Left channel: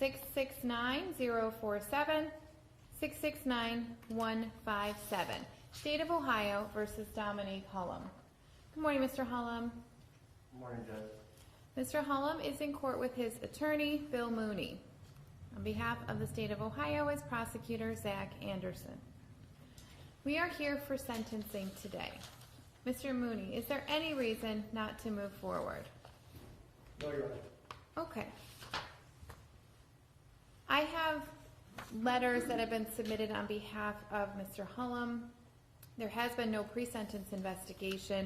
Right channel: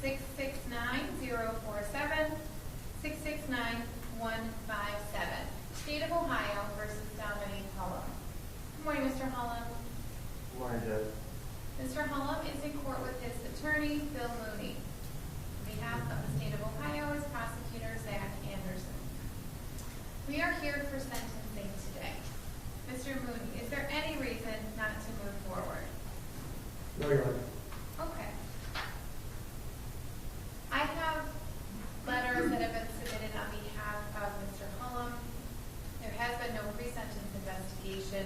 669-047, 669-157. State of Ohio versus Dominique Hullum. Good morning, Mr. Hullum. Good morning, Judge. Mr. Hullum is in court with his attorney, Bill Mooney. On behalf of the state of Ohio is Prosecutor Zach Anderson. We are here for sentencing today. Mr. Mooney, is there any reason not to move forward? No, Your Honor. Okay. I have letters that have been submitted on behalf of Mr. Hullum. There has been no pre-sentence investigation.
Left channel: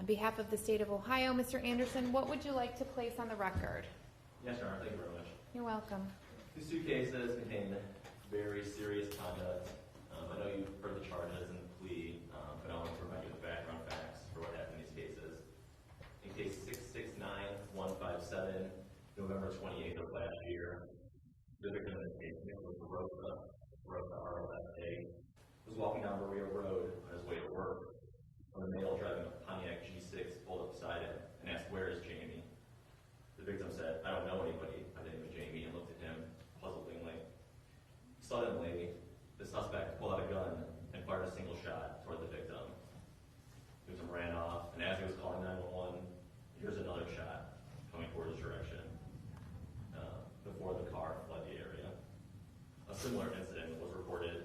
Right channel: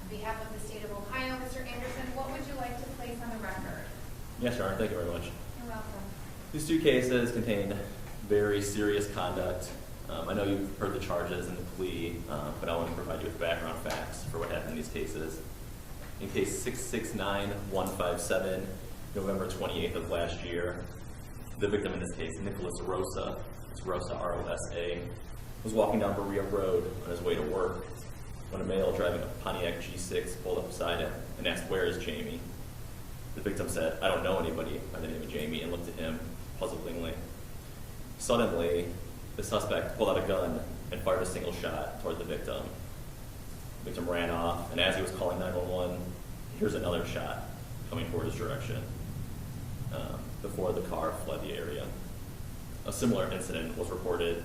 On behalf of the state of Ohio, Mr. Anderson, what would you like to place on the record? Yes, Your Honor. Thank you very much. You're welcome. These two cases contain very serious conduct. I know you've heard the charges and the plea, but I want to provide you with background facts for what happened in these cases. In case 669157, November 28th of last year, the victim in this case, Nicholas Rosa, it's Rosa, R-O-S-A, was walking down Berea Road on his way to work when a male driving a Pontiac G6 pulled up beside him and asked, "Where is Jamie?" The victim said, "I don't know anybody by the name of Jamie," and looked at him puzzlingly. Suddenly, the suspect pulled out a gun and fired a single shot toward the victim. The victim ran off, and as he was calling 911, he hears another shot coming toward his direction before the car fled the area. A similar incident was reported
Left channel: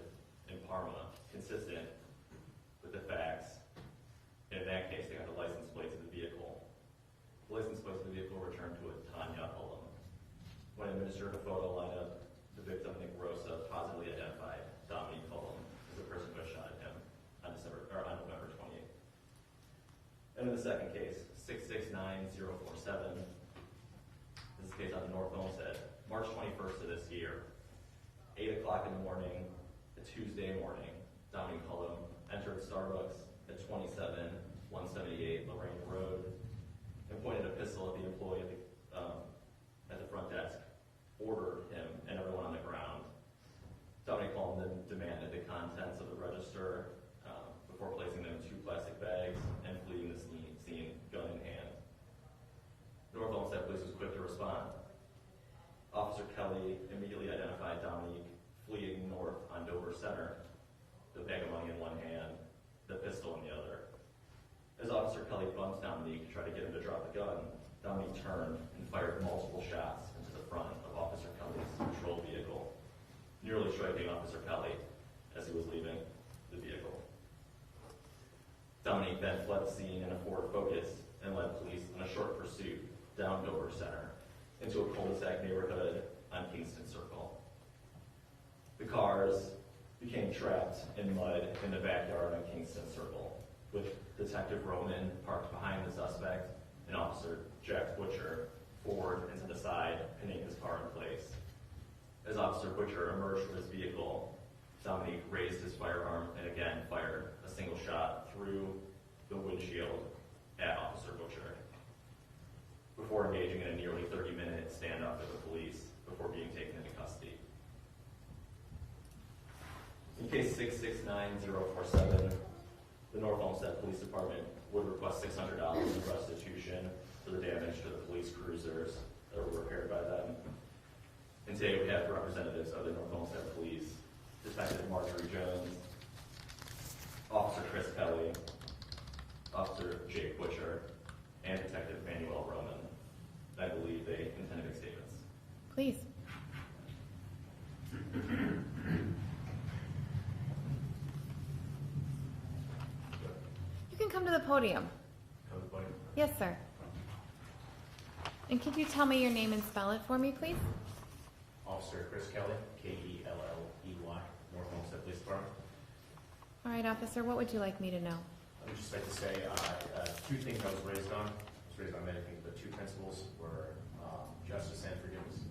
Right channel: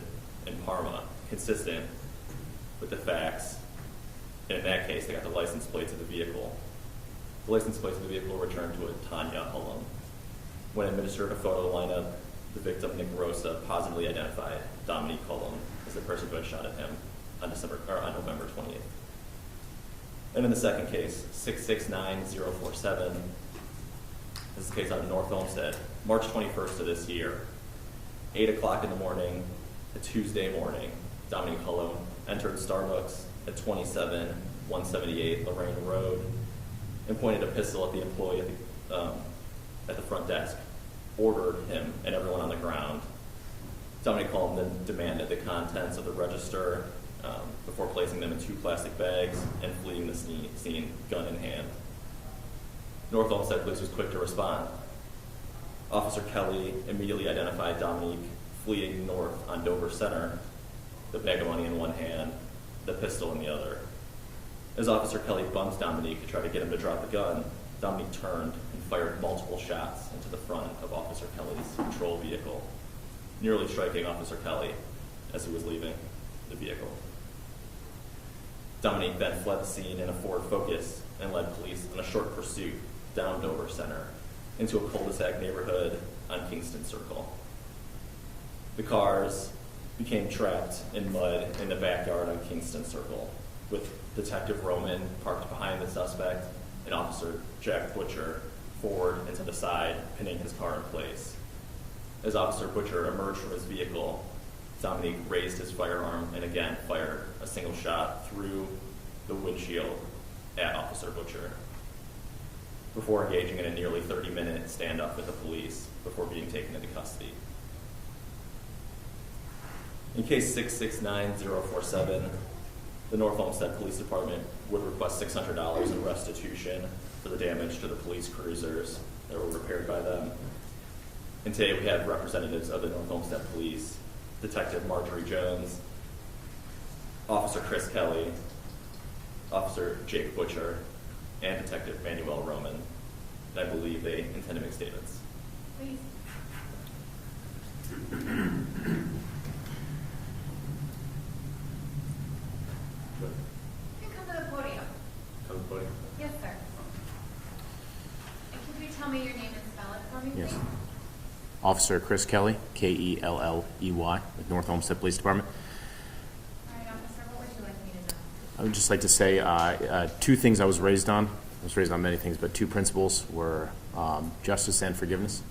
in Parma, consistent with the facts, and in that case, they got the license plates of the vehicle. The license plates of the vehicle were returned to a Tanya Hullum. When administered a photo lineup, the victim, Nick Rosa, positively identified Dominique Hullum as the person who had shot at him on November 28th. And in the second case, 669047, this is a case out of North Olmsted, March 21st of this year, 8 o'clock in the morning, a Tuesday morning, Dominique Hullum entered Starbucks at 27178 Lorain Road and pointed a pistol at the employee at the front desk, ordered him and everyone on the ground. Dominique Hullum then demanded the contents of the register before placing them in 2 plastic bags and fleeing the scene, gun in hand. North Olmsted Police was quick to respond. Officer Kelly immediately identified Dominique fleeing north on Dover Center, the bag of money in one hand, the pistol in the other. As Officer Kelly bumped Dominique to try to get him to drop the gun, Dominique turned and fired multiple shots into the front of Officer Kelly's patrol vehicle, nearly striking Officer Kelly as he was leaving the vehicle. Dominique then fled the scene in a Ford Focus and led police in a short pursuit down Dover Center into a cul-de-sac neighborhood on Kingston Circle. The cars became trapped in mud in the backyard of Kingston Circle, with Detective Roman parked behind the suspect and Officer Jack Butcher forward and to the side, pinning his car in place. As Officer Butcher emerged from his vehicle, Dominique raised his firearm and again fired a single shot through the windshield at Officer Butcher, before engaging in a nearly 30-minute standoff with the police before being taken into custody. In case 669047, the North Olmsted Police Department would request $600 in restitution for the damage to the police cruisers that were repaired by them. And today we have representatives of the North Olmsted Police, Detective Marjorie Jones, Officer Chris Kelly, Officer Jake Butcher, and Detective Manuel Roman. And I believe they intend to make statements. Please. You can come to the podium. Come to the podium. Yes, sir. And could you tell me your name and spell it for me, please? Yes. Officer Chris Kelly, K-E-L-L-E-Y, with North Olmsted Police Department. All right, officer, what would you like me to know? I would just like to say 2 things I was raised on. I was raised on many things, but 2 principles were justice and forgiveness.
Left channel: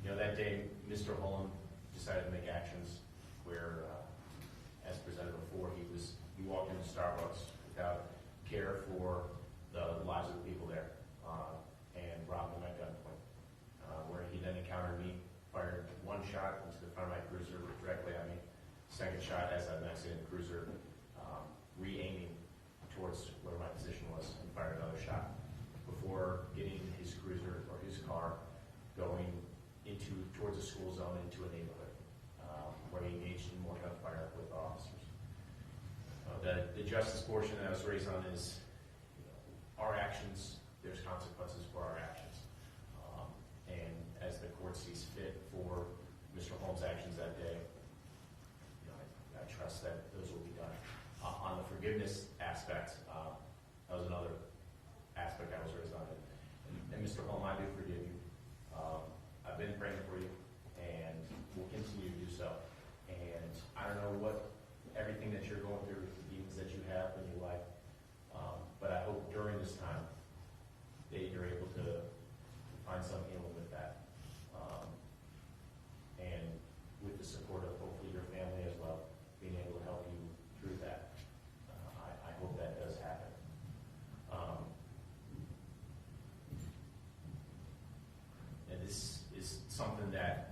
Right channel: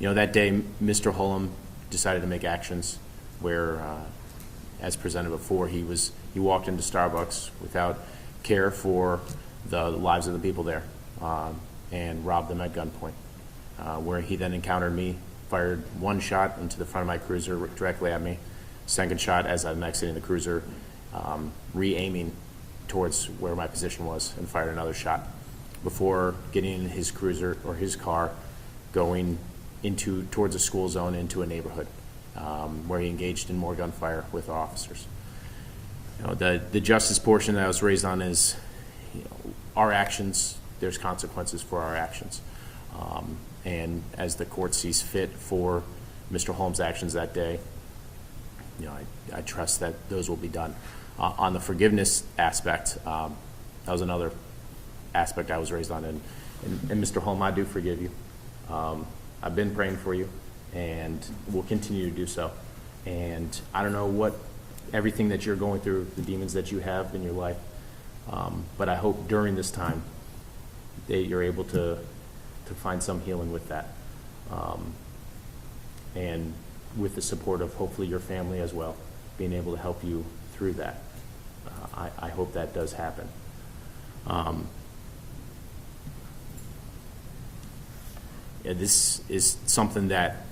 That day, Mr. Hullum decided to make actions where, as presented before, he walked into Starbucks without care for the lives of the people there and robbed them at gunpoint. Where he then encountered me, fired 1 shot into the front of my cruiser directly at me, second shot as I'm exiting the cruiser, re-aiming towards where my position was, and fired another shot before getting in his cruiser or his car going towards a school zone into a neighborhood, where he engaged in more gunfire with officers. You know, the justice portion that I was raised on is, you know, our actions, there's consequences for our actions. And as the court sees fit for Mr. Hullum's actions that day, you know, I trust that those will be done. On the forgiveness aspect, that was another aspect I was raised on. And Mr. Hullum, I do forgive you. I've been praying for you and will continue to do so. And I don't know what everything that you're going through, the demons that you have in your life, but I hope during this time that you're able to find some healing with that. And with the support of hopefully your family as well, being able to help you through that. I hope that does happen. Yeah, this is something that,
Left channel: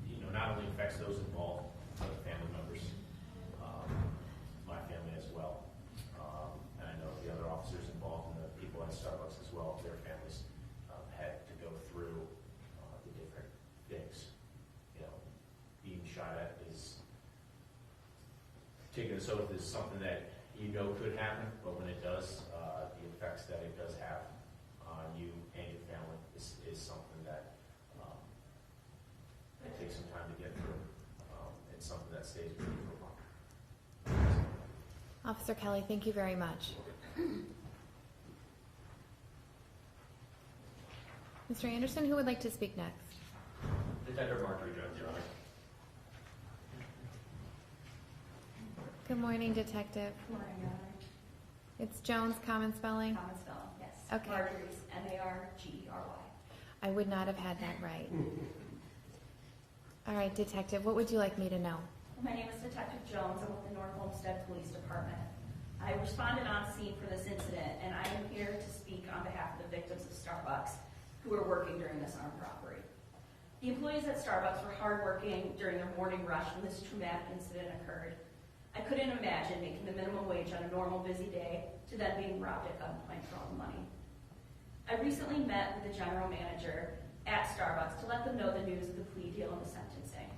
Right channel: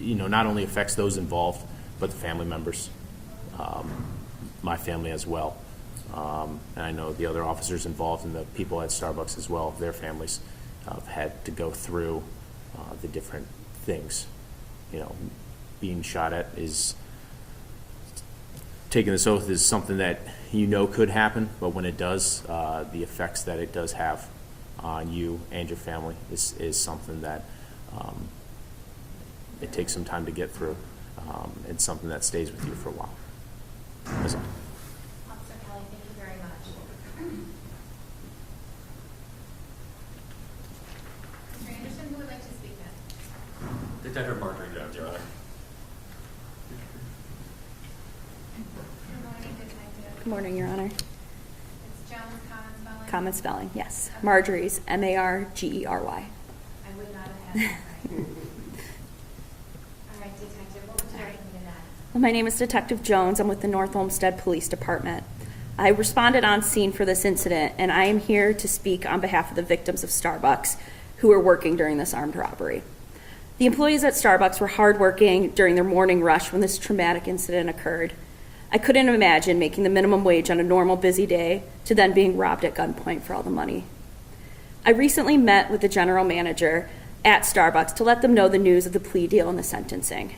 you know, not only affects those involved, but the family members, my family as well. And I know the other officers involved and the people at Starbucks as well, their families have had to go through the different things. You know, being shot at is, taking this oath is something that you know could happen, but when it does, the effects that it does have on you and your family is something that it takes some time to get through, and something that stays with you for a while. That's all. Officer Kelly, thank you very much. Mr. Anderson, who would like to speak next? Detective Marjorie Jones, Your Honor. Good morning, Detective. Good morning, Your Honor. It's Jones, common spelling? Common spelling, yes. Okay. Marjorie's Margery. I would not have had that right. All right, Detective, what would you like me to know? Well, my name is Detective Jones. I'm with the North Olmsted Police Department. I responded on scene for this incident, and I am here to speak on behalf of the victims of Starbucks who were working during this armed robbery. The employees at Starbucks were hardworking during their morning rush when this traumatic incident occurred. I couldn't imagine making the minimum wage on a normal busy day to then being robbed at gunpoint for all the money. I recently met with the general manager at Starbucks to let them know the news of the plea deal and the sentencing.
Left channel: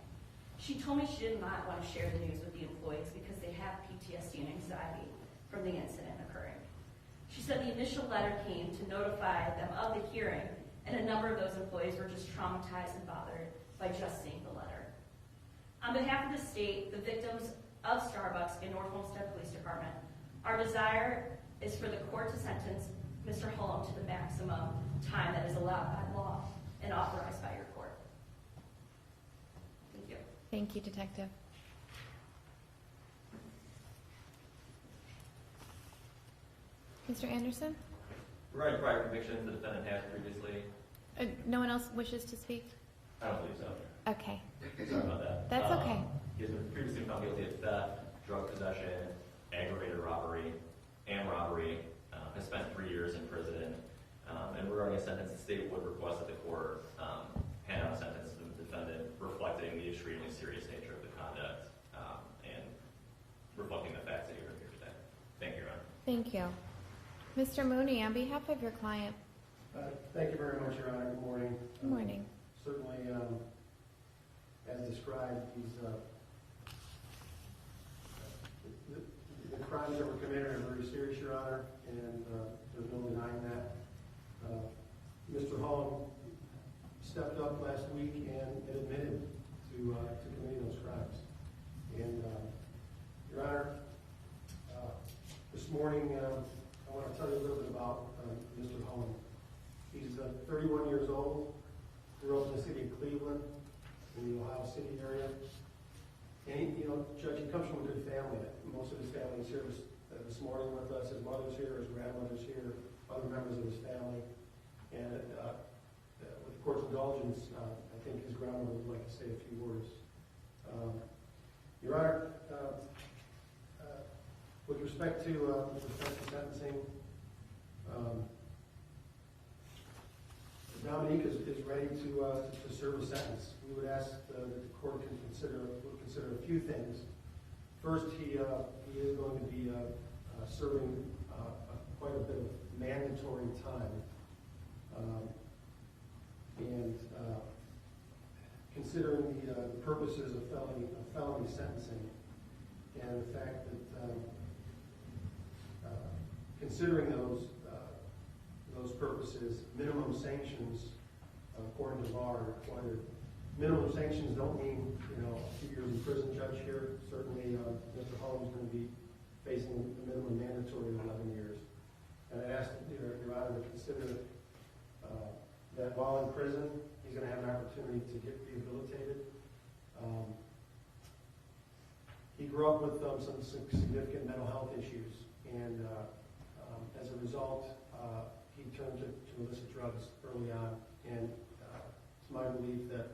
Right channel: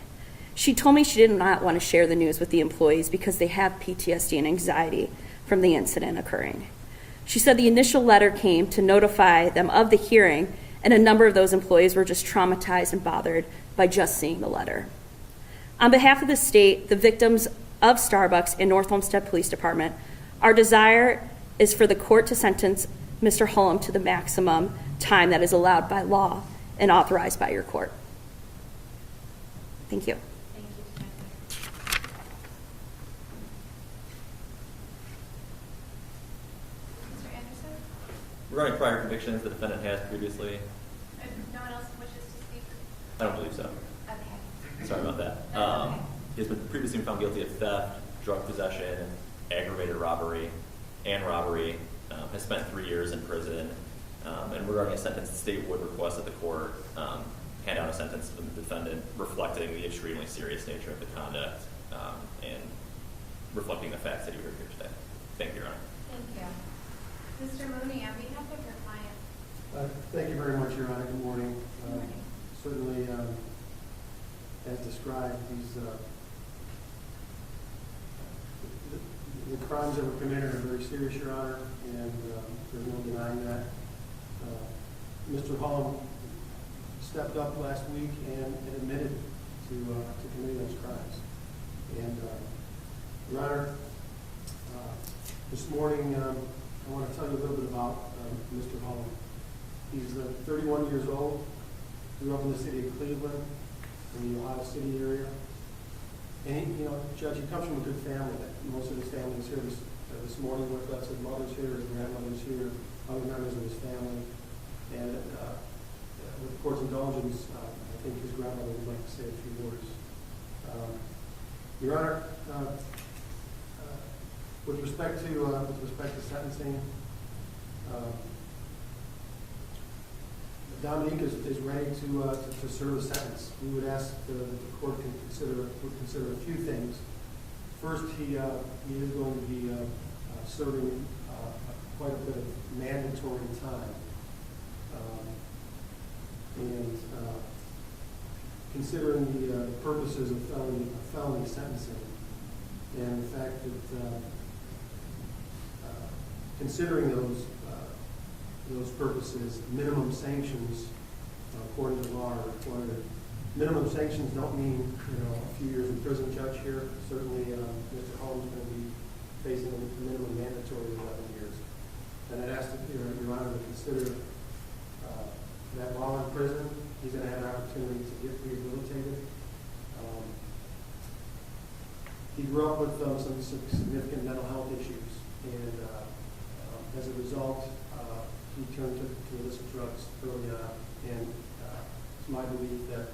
She told me she did not want to share the news with the employees because they have PTSD and anxiety from the incident occurring. She said the initial letter came to notify them of the hearing, and a number of those employees were just traumatized and bothered by just seeing the letter. On behalf of the state, the victims of Starbucks and North Olmsted Police Department, our desire is for the court to sentence Mr. Hullum to the maximum time that is allowed by law and authorized by your court. Thank you. Thank you, Detective. Mr. Anderson? Regarding prior convictions, the defendant has previously. No one else wishes to speak? I don't believe so. Okay. Sorry about that. That's okay. He has been previously found guilty of theft, drug possession, aggravated robbery, and robbery. Has spent 3 years in prison. And regarding a sentence, the state would request that the court hand out a sentence to the defendant reflecting the extremely serious nature of the conduct and reflecting the facts that you heard here today. Thank you, Your Honor. Thank you. Mr. Mooney, on behalf of your client. Thank you very much, Your Honor. Good morning. Good morning. Certainly, as described, the crimes that were committed are very serious, Your Honor, and there's no denying that. Mr. Hullum stepped up last week and admitted to committing those crimes. And, Your Honor, this morning I want to tell you a little bit about Mr. Hullum. He's 31 years old, grew up in the city of Cleveland, in the Ohio City area. And, Judge, he comes from a good family. Most of his family is here this morning with us. His mother's here, his grandmother's here, other members of his family. And with the court's indulgence, I think his grandmother would like to say a few words. Your Honor, with respect to sentencing, Dominique is ready to serve a sentence. We would ask that the court can consider a few things. First, he is going to be serving quite a bit of mandatory time, and considering the purposes of felony sentencing, and the fact that considering those purposes, minimum sanctions according to law are required. Minimum sanctions don't mean a few years in prison, Judge. Here, certainly, Mr. Hullum's going to be facing a minimum mandatory of 11 years. And I'd ask Your Honor to consider that while in prison, he's going to have an opportunity to get rehabilitated. He grew up with some significant mental health issues, and as a result, he turned to illicit drugs early on. And it's my belief that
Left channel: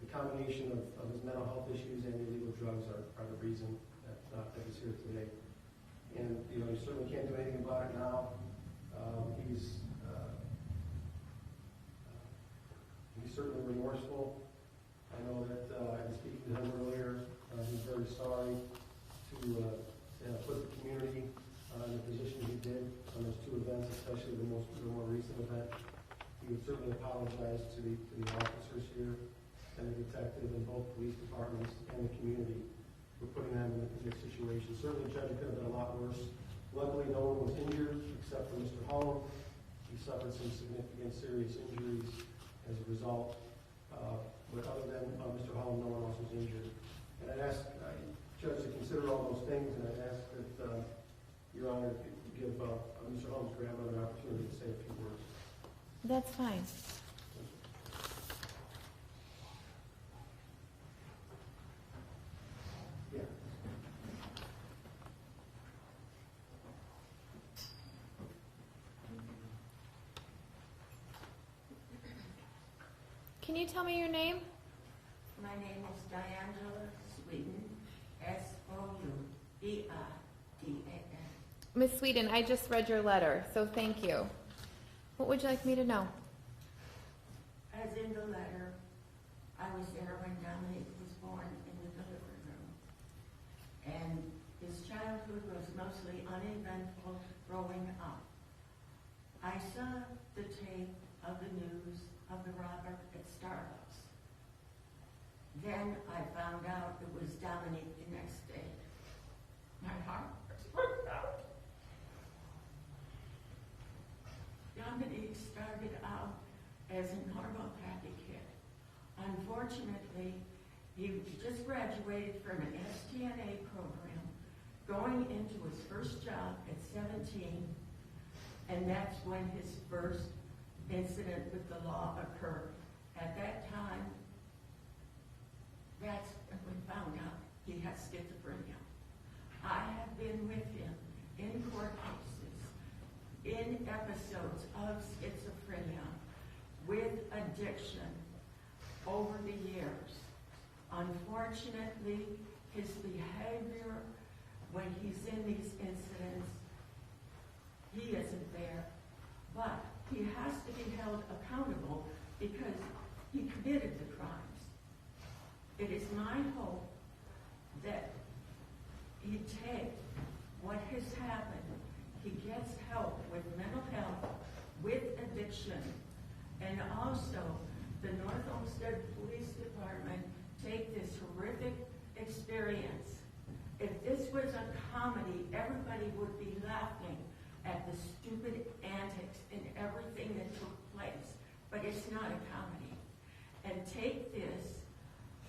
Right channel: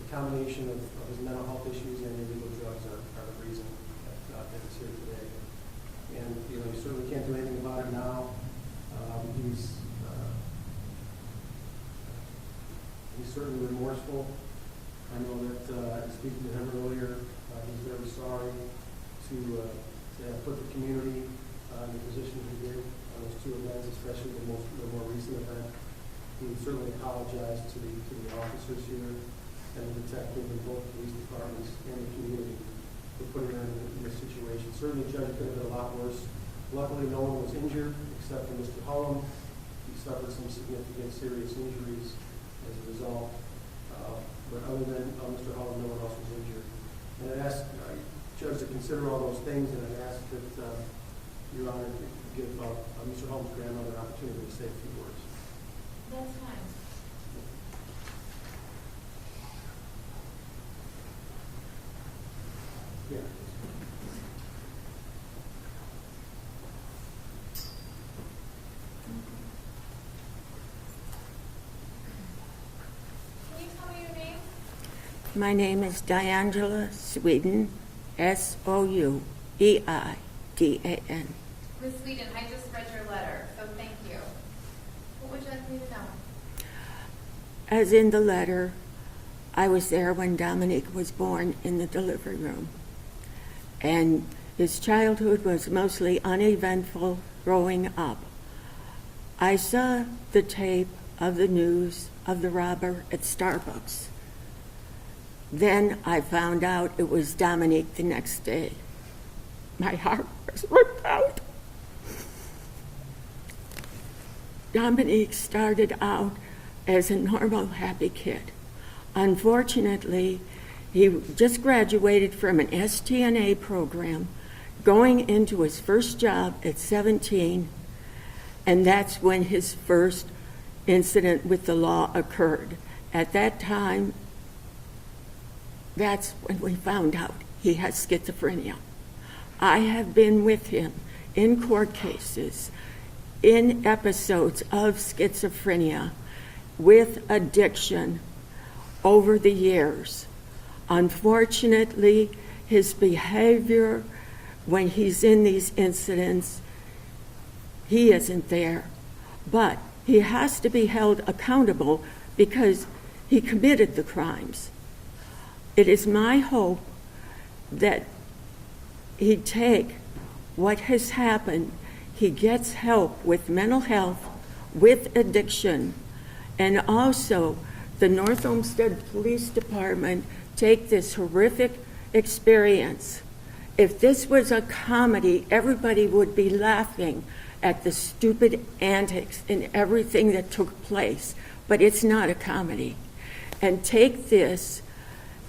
the combination of his mental health issues and illegal drugs are the reason that he's here today. And you certainly can't do anything about it now. He's certainly remorseful. I know that in speaking to him earlier, he's very sorry to put the community in the position he did on those two events, especially the more recent event. He certainly apologized to the officers here and the detective in both police departments and the community for putting them in this situation. Certainly, Judge, it could have been a lot worse. Luckily, no one was injured except for Mr. Hullum. He suffered some significant serious injuries as a result. But other than Mr. Hullum, no one else was injured. And I'd ask Judge to consider all those things, and I'd ask that Your Honor give Mr. Hullum's grandmother an opportunity to say a few words. That's fine. Yeah. Can you tell me your name? My name is Diangela Sweden, Soueidan. Ms. Sweden, I just read your letter, so thank you. What would you like me to know? As in the letter, I was there when Dominique was born in the delivery room. And his childhood was mostly uneventful growing up. I saw the tape of the news of the robber at Starbucks. Then I found out it was Dominique the next day. My heart was ripped out. Dominique started out as a normal, happy kid. Unfortunately, he just graduated from an STNA program, going into his first job at 17, and that's when his first incident with the law occurred. At that time, that's when we found out he has schizophrenia. I have been with him in court cases, in episodes of schizophrenia, with addiction over the years. Unfortunately, his behavior when he's in these incidents, he isn't there. But he has to be held accountable because he committed the crimes. It is my hope that he take what has happened, he gets help with mental health, with addiction, and also the North Olmsted Police Department take this horrific experience. If this was a comedy, everybody would be laughing at the stupid antics and everything that took place, but it's not a comedy. And take this,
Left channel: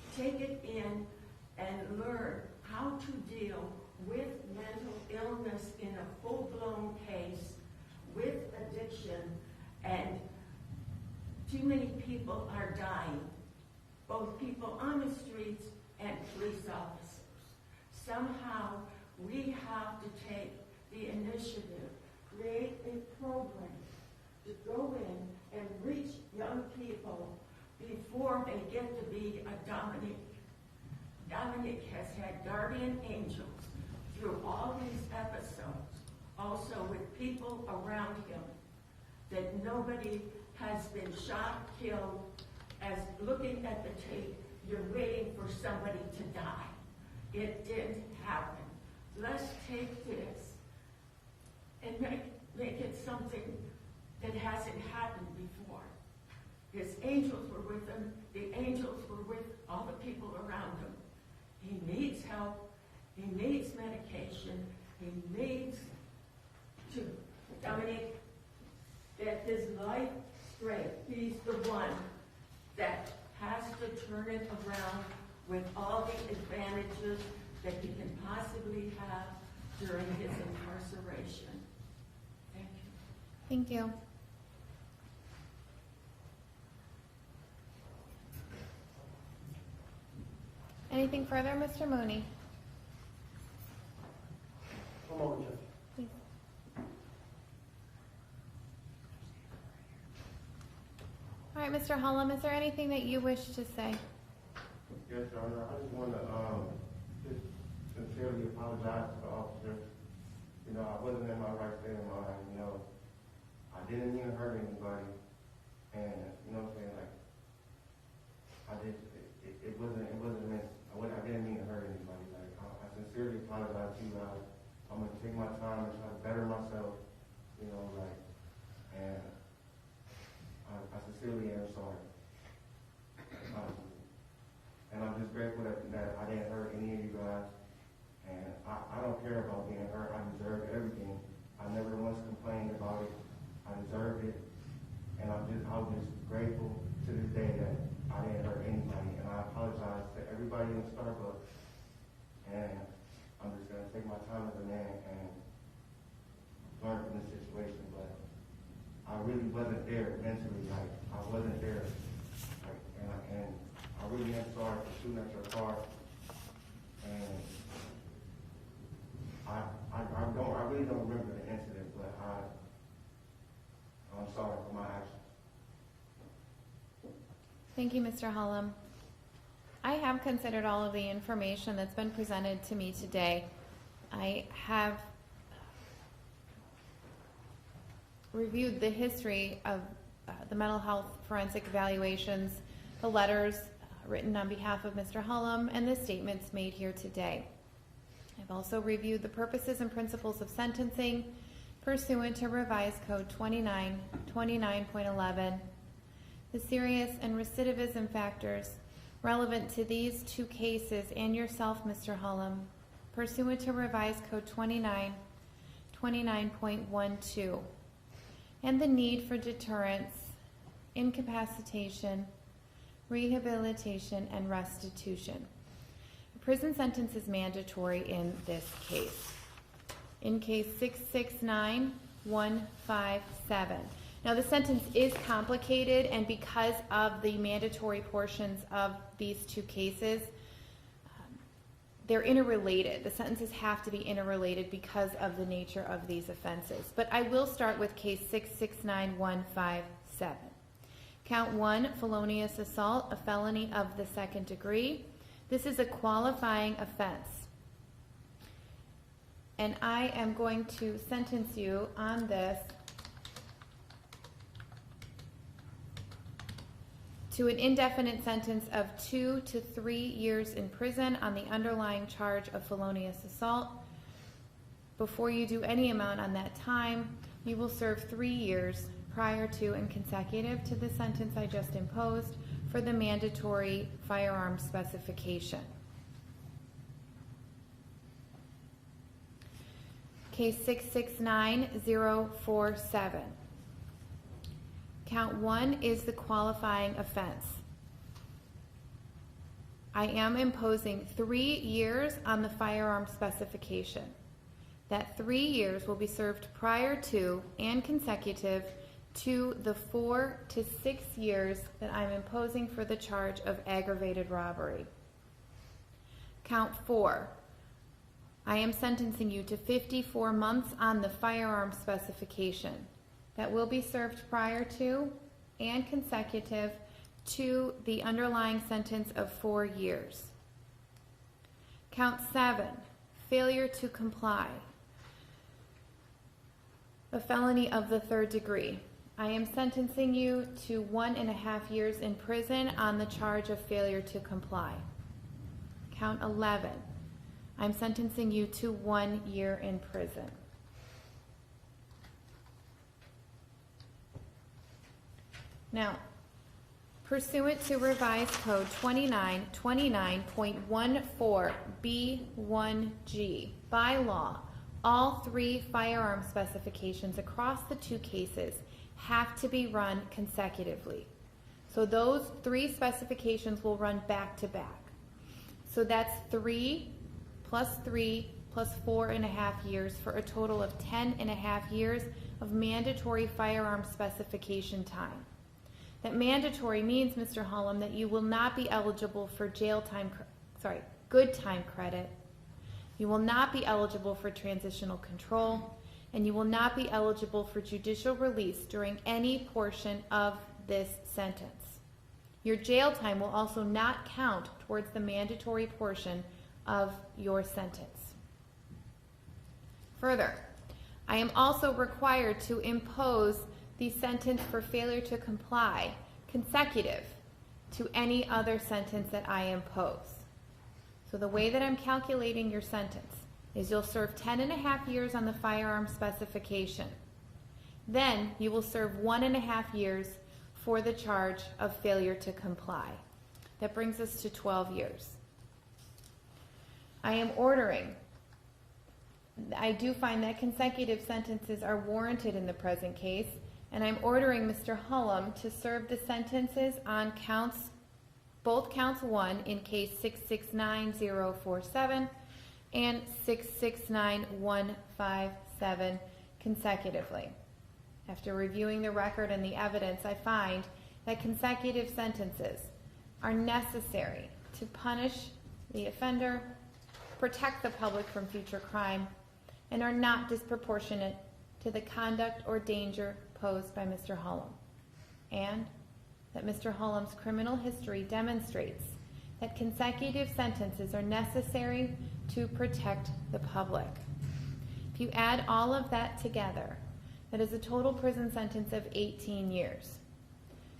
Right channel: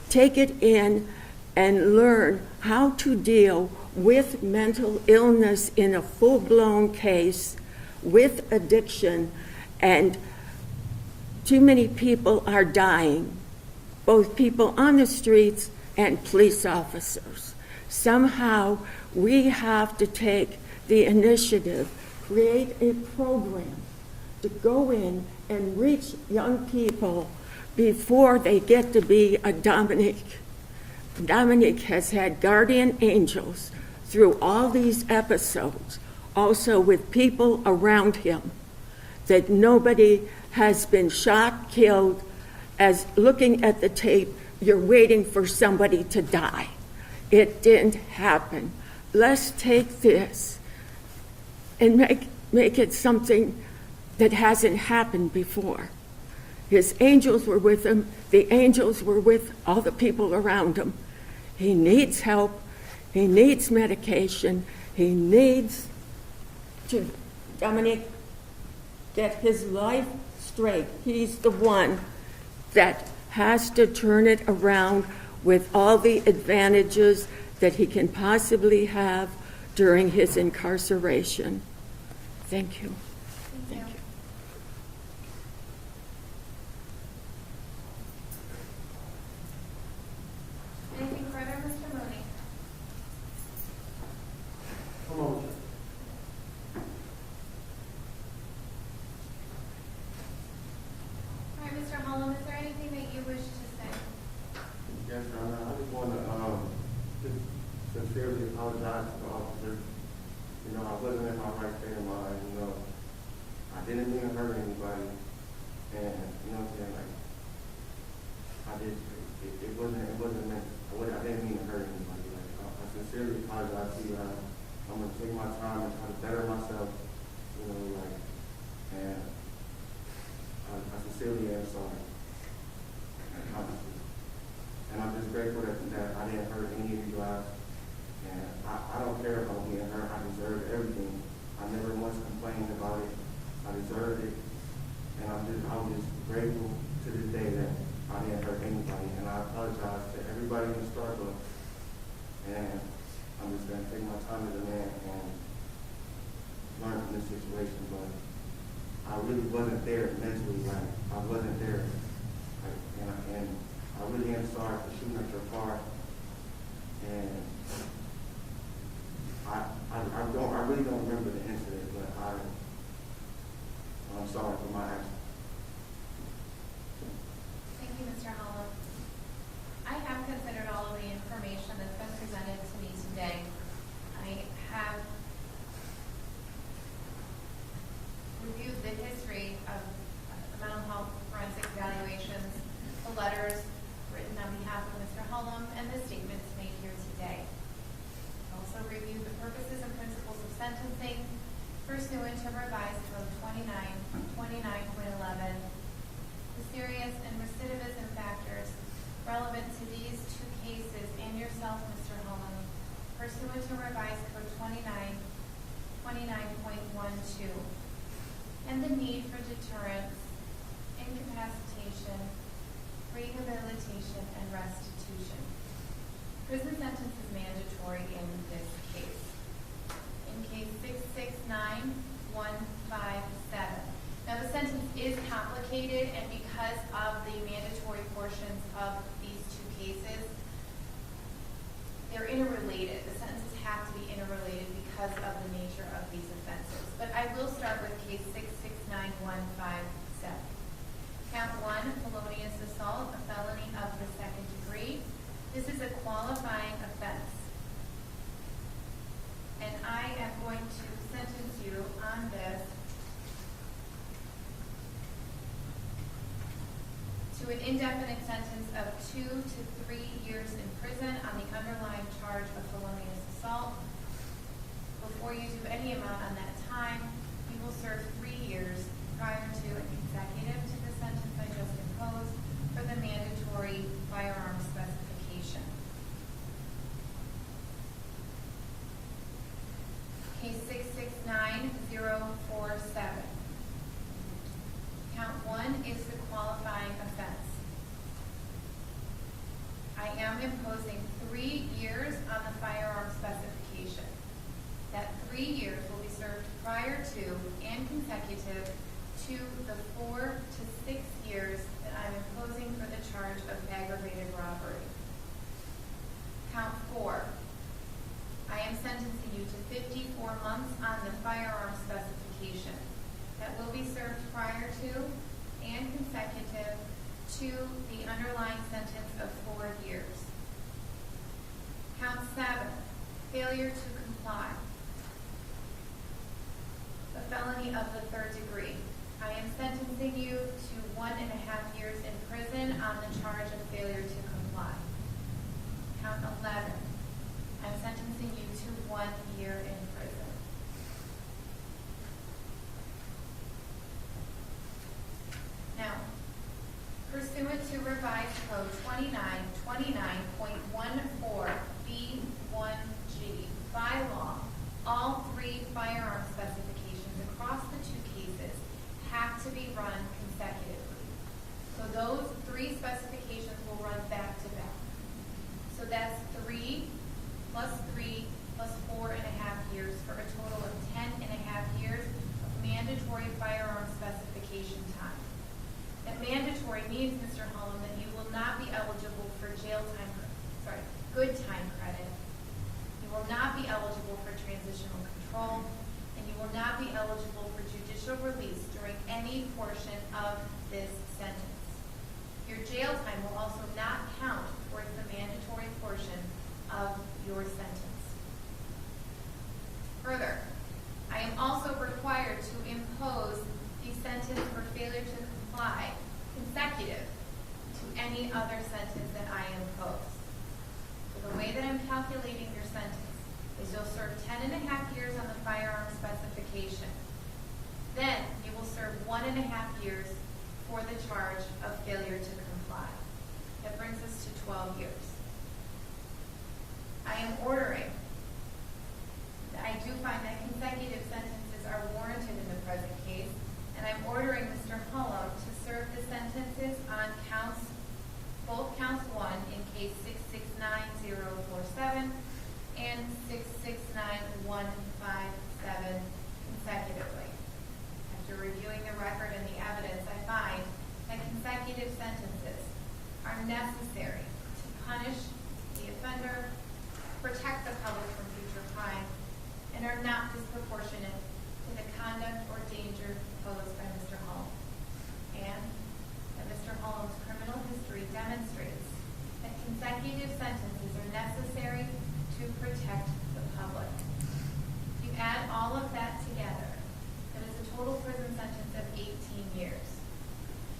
take it in, and learn how to deal with mental illness in a full-blown case, with addiction, and too many people are dying, both people on the streets and police officers. Somehow, we have to take the initiative, create a program to go in and reach young people before they get to be a Dominique. Dominique has had guardian angels through all these episodes, also with people around him, that nobody has been shot, killed. As looking at the tape, you're waiting for somebody to die. It didn't happen. Let's take this and make it something that hasn't happened before. His angels were with him. The angels were with all the people around him. He needs help. He needs medication. He needs to, Dominique, get his life straight. He's the one that has to turn it around with all the advantages that he can possibly have during his incarceration. Thank you. Thank you. Anything further, Mr. Mooney? Come on. All right, Mr. Hullum, is there anything that you wish to say? Yes, Your Honor, I just want to just sincerely apologize to the officer. You know, I wasn't in my right state of mind, you know. I didn't mean to hurt anybody. And, you know what I'm saying, like, it wasn't meant, I didn't mean to hurt anybody. Like, I sincerely apologize to you. I'm going to take my time and try to better myself, you know, like, and I sincerely am sorry. Honestly. And I'm just grateful that I didn't hurt any of you guys. And I don't care about being hurt. I deserve everything. I never once complained about it. I deserved it. And I'm just grateful to this day that I didn't hurt anybody. And I apologize to everybody in Starbucks. And I'm just going to take my time as a man and learn from this situation. But I really wasn't there mentally. Like, I wasn't there. Like, and I really am sorry for shooting at your car. And I really don't remember the incident, but I'm sorry for my actions. Thank you, Mr. Hullum. I have considered all of the information that's been presented to me today. I have reviewed the history of the mental health forensic evaluations, the letters written on behalf of Mr. Hullum, and the statements made here today. I've also reviewed the purposes and principles of sentencing pursuant to Revised Code 29.11, the serious and recidivism factors relevant to these two cases and yourself, Mr. Hullum, pursuant to Revised Code 29.12, and the need for deterrence, incapacitation, rehabilitation, and restitution. Prison sentence is mandatory in this case. In case 669157. Now the sentence is complicated, and because of the mandatory portions of these two cases, they're interrelated. The sentences have to be interrelated because of the nature of these offenses. But I will start with case 669157. Count 1, felonious assault, a felony of the second degree. This is a qualifying offense. And I am going to sentence you on this to an indefinite sentence of 2 to 3 years in prison on the underlying charge of felonious assault. Before you do any amount on that time, you will serve 3 years prior to and consecutive to the sentence I just imposed for the mandatory firearm specification. Case 669047. Count 1 is the qualifying offense. I am imposing 3 years on the firearm specification. That 3 years will be served prior to and consecutive to the 4 to 6 years that I'm imposing for the charge of aggravated robbery. Count 4. I am sentencing you to 54 months on the firearm specification. That will be served prior to and consecutive to the underlying sentence of 4 years. Count 7, failure to comply. A felony of the third degree. I am sentencing you to 1.5 years in prison on the charge of failure to comply. Count 11. I'm sentencing you to 1 year in prison. Now, Pursuant to Revised Code 2929.14B1G, by law, all three firearm specifications across the two cases have to be run consecutively. So those three specifications will run back to back. So that's 3 plus 3 plus 4.5 years for a total of 10.5 years of mandatory firearm specification time. That mandatory means, Mr. Hullum, that you will not be eligible for good time credit. You will not be eligible for transitional control, and you will not be eligible for judicial release during any portion of this sentence. Your jail time will also not count towards the mandatory portion of your sentence. Further, I am also required to impose the sentence for failure to comply consecutive to any other sentence that I impose. So the way that I'm calculating your sentence is you'll serve 10.5 years on the firearm specification. Then you will serve 1.5 years for the charge of failure to comply. That brings us to 12 years. I am ordering, I do find that consecutive sentences are warranted in the present case, and I'm ordering Mr. Hullum to serve the sentences on both counts 1 in case 669047 and 669157 consecutively. After reviewing the record and the evidence, I find that consecutive sentences are necessary to punish the offender, protect the public from future crime, and are not disproportionate to the conduct or danger posed by Mr. Hullum. And that Mr. Hullum's criminal history demonstrates that consecutive sentences are necessary to protect the public. If you add all of that together, that is a total prison sentence of 18 years.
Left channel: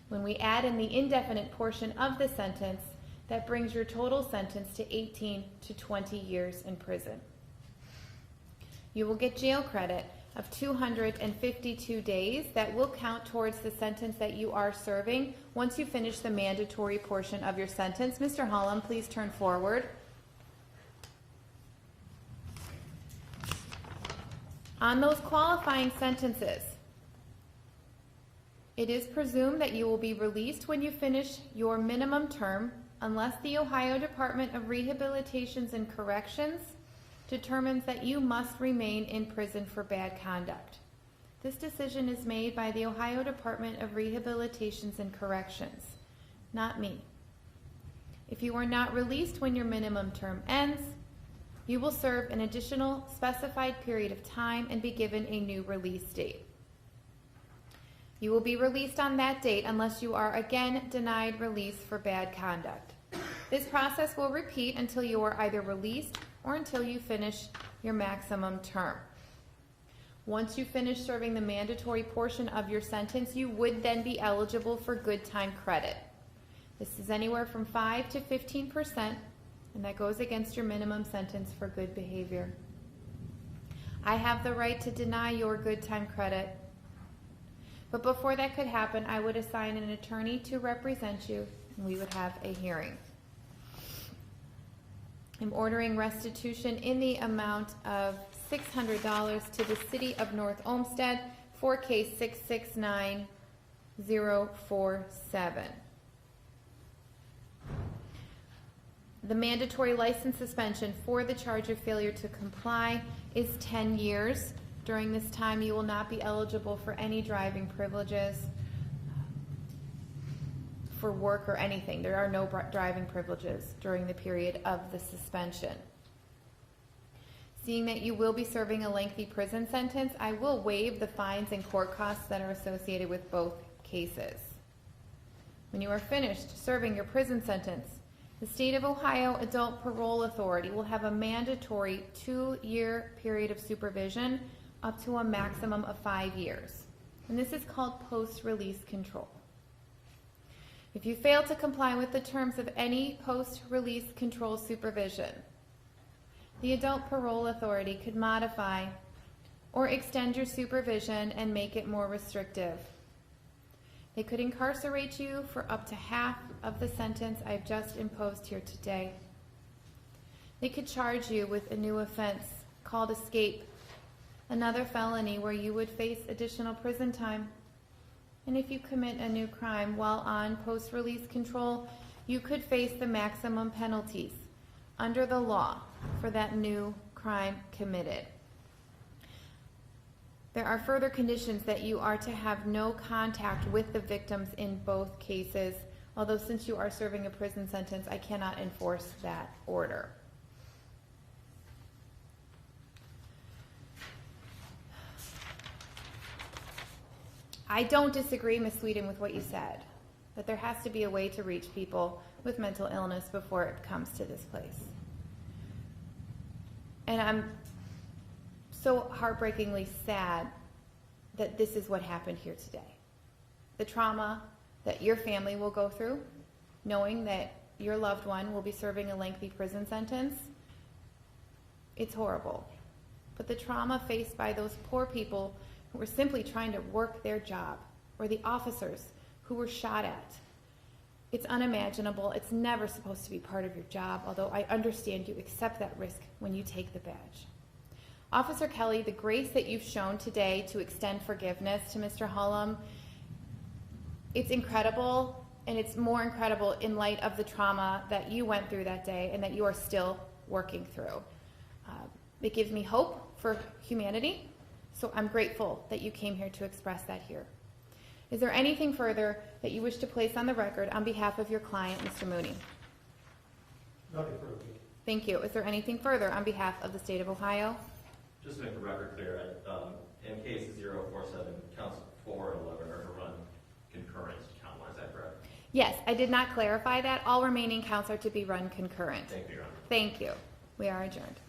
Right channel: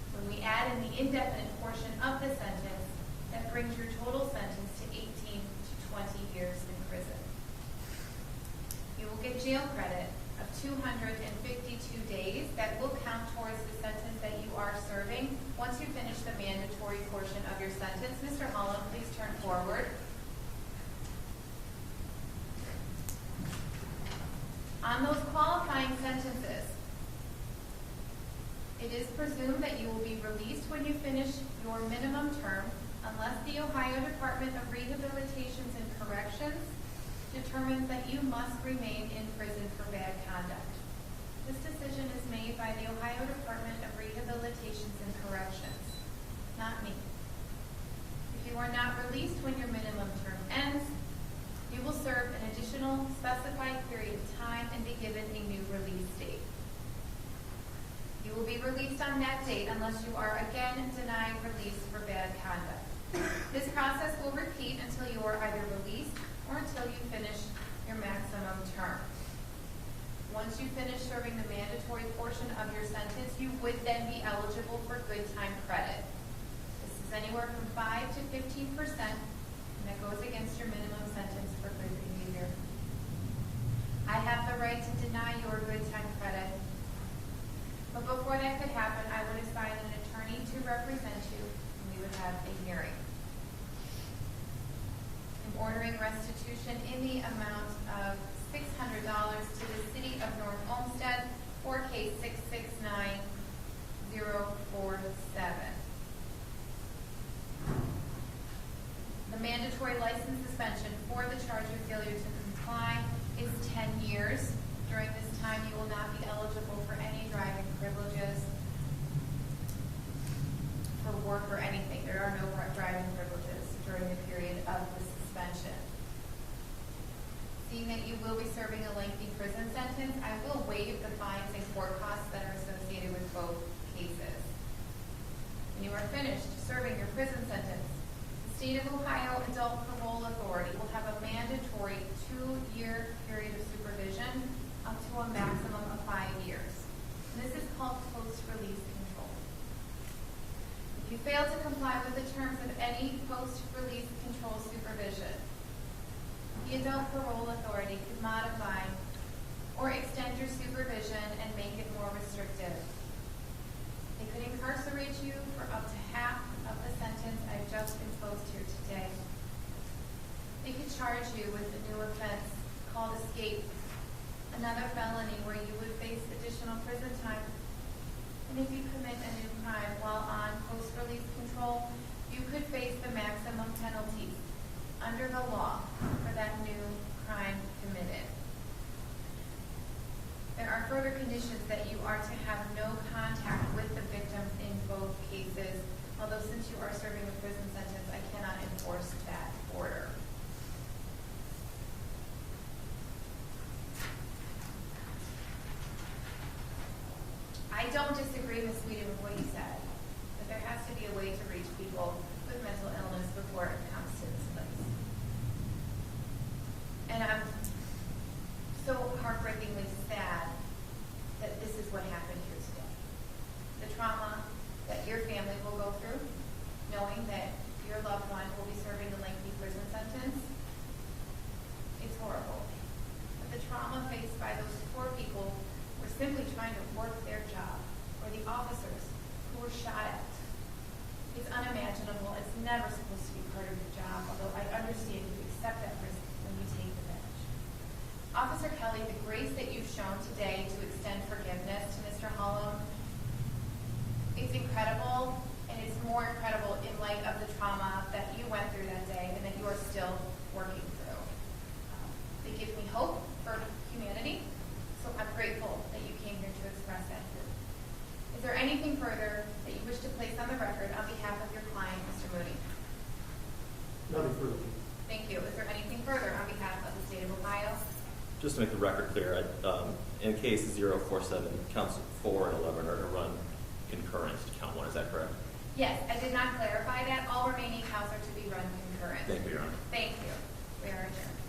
When we add in the indefinite portion of the sentence, that brings your total sentence to 18 to 20 years in prison. You will get jail credit of 252 days that will count towards the sentence that you are serving once you finish the mandatory portion of your sentence. Mr. Hullum, please turn forward. On those qualifying sentences, it is presumed that you will be released when you finish your minimum term unless the Ohio Department of Rehabilitations and Corrections determines that you must remain in prison for bad conduct. This decision is made by the Ohio Department of Rehabilitations and Corrections, not me. If you are not released when your minimum term ends, you will serve an additional specified period of time and be given a new release date. You will be released on that date unless you are again denied release for bad conduct. This process will repeat until you are either released or until you finish your maximum term. Once you finish serving the mandatory portion of your sentence, you would then be eligible for good time credit. This is anywhere from 5 to 15%, and that goes against your minimum sentence for good behavior. I have the right to deny your good time credit, but before that could happen, I would assign an attorney to represent you, and we would have a hearing. I'm ordering restitution in the amount of $600 to the City of North Olmsted for case 669047. The mandatory license suspension for the charge of failure to comply is 10 years. During this time, you will not be eligible for any driving privileges, for work or anything. There are no driving privileges during the period of the suspension. Seeing that you will be serving a lengthy prison sentence, I will waive the fines and court costs that are associated with both cases. When you are finished serving your prison sentence, the State of Ohio Adult Parole Authority will have a mandatory 2-year period of supervision up to a maximum of 5 years. And this is called post-release control. If you fail to comply with the terms of any post-release control supervision, the Adult Parole Authority could modify or extend your supervision and make it more restrictive. They could incarcerate you for up to half of the sentence I've just imposed here today. They could charge you with a new offense called escape, another felony where you would face additional prison time. And if you commit a new crime while on post-release control, you could face the maximum penalties under the law for that new crime committed. There are further conditions that you are to have no contact with the victims in both cases, although since you are serving a prison sentence, I cannot enforce that order. I don't disagree, Ms. Sweden, with what you said, but there has to be a way to reach people with mental illness before it comes to this place. And I'm so heartbreakingly sad that this is what happened here today. The trauma that your family will go through, knowing that your loved one will be serving a lengthy prison sentence, it's horrible. But the trauma faced by those poor people who were simply trying to work their job, or the officers who were shot at, it's unimaginable. It's never supposed to be part of your job, although I understand you accept that risk when you take the badge. Officer Kelly, the grace that you've shown today to extend forgiveness to Mr. Hullum, it's incredible, and it's more incredible in light of the trauma that you went through that day and that you are still working through. It gives me hope for humanity, so I'm grateful that you came here to express that here. Is there anything further that you wish to place on the record on behalf of your client, Mr. Mooney? Nothing further. Thank you. Is there anything further on behalf of the state of Ohio? Just to make the record clear, in case 047, counts 4 and 11 are to run concurrent to count 1. Is that correct? Yes, I did not clarify that. All remaining counts are to be run concurrent. Thank you, Your Honor. Thank you. We are adjourned.